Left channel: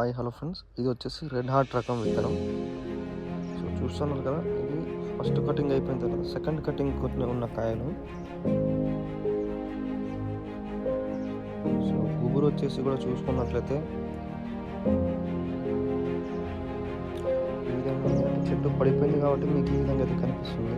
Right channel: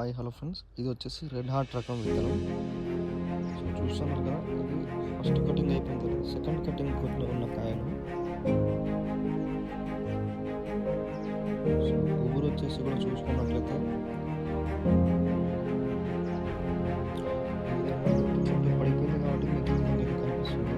Hi hello friends, ఇది వచ్చేసి red heart రకం విత్తనం. సో చూస్తున్నారు కదా, ఇది ఫస్ట్ కటింగ్ అయిపోయిన తర్వాత సెకండ్ కటింగ్ కొన్ని ఉన్న కాయలు. సో గుబురు వచ్చేసి కూడా చూసుకున్నట్లయితే ఈ విధంగా చెట్టు పడిపోయింది కాబట్టి మీకు ఈ విధంగా అయితే కనిపిస్తుంది.